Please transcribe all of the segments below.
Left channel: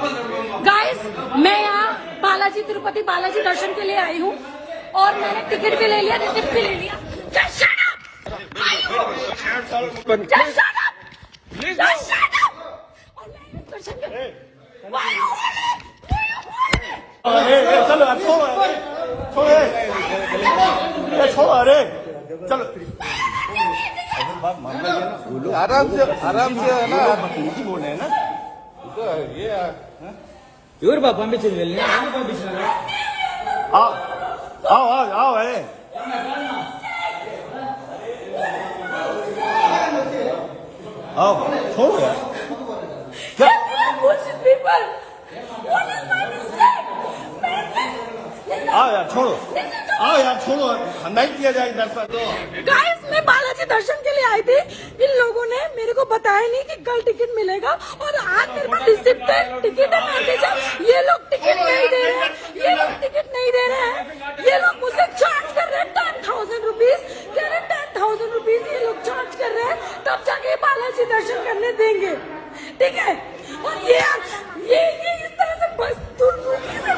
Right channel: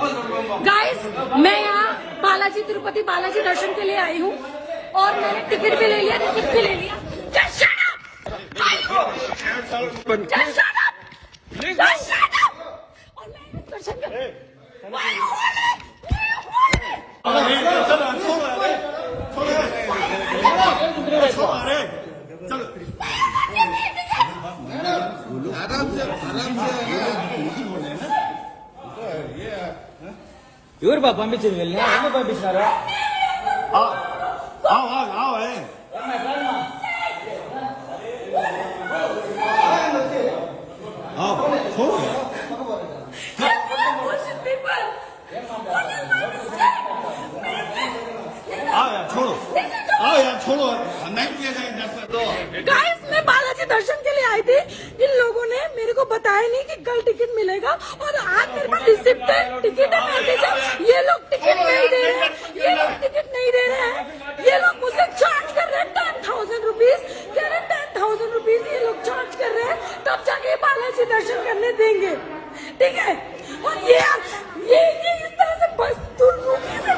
गाइस, मैं यहाँ बालाजी तिरुपति बालाजी दर्शन के लिए आई हूँ और मैंने टिकट भी ले लिया, रिसिप्ट भी ले लिया। Just shut up! Just shut up! Just shut up! और मैं कर सकता हूँ। आराम से ఎవరు బాబు పంపించింది వెళ్ళి ఎందుకు పంపించినారా छोड़ो नहीं किया जाएगा गाइस, मैं बालाजी दर्शन के लिए आई थी। इन लोगों ने मेरे को बताया नहीं कि कल टिकट मिलेगा और आज मेरे पास रिसिप्ट है, टिकट है, मैसेज है। ये लोग टिकट नहीं दे रहे हैं, ये लोग टिकट नहीं दे रहे हैं। ये लोग मुझसे चार्ज कर रहे हैं 10,000 रुपीज, कह रहे 10,000 रुपीज ये लोग चार्ज कर रहे हैं, तब जाके बालाजी दर्शन करने देंगे, ठीक है। और ये इस तरह से बस दुर्नीति से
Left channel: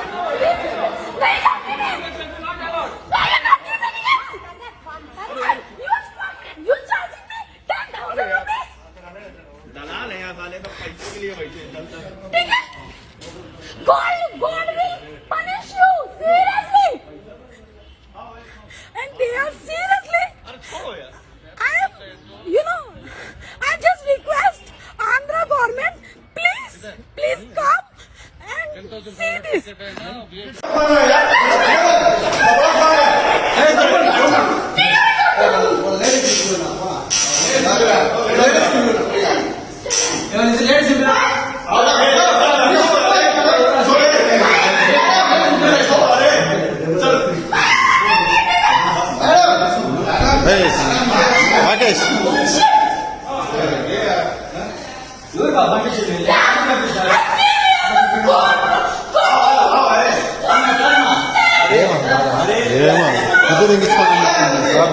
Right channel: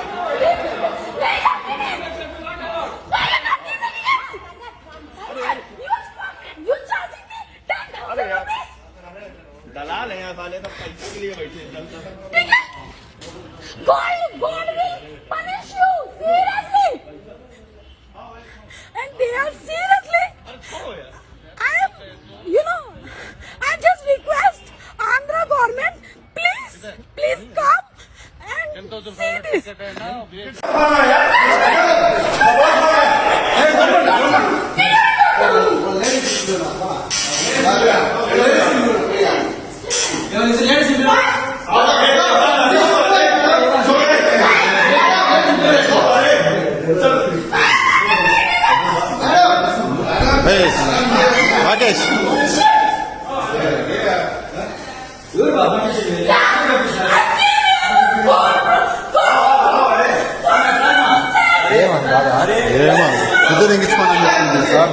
दलाल है यहाँ वाले तो पैसे के लिए बैठे God will punish you seriously, and they are seriously. I just request Andhra government, please come and see this. Rakesh ఏమో కుదిరించుకోండి సార్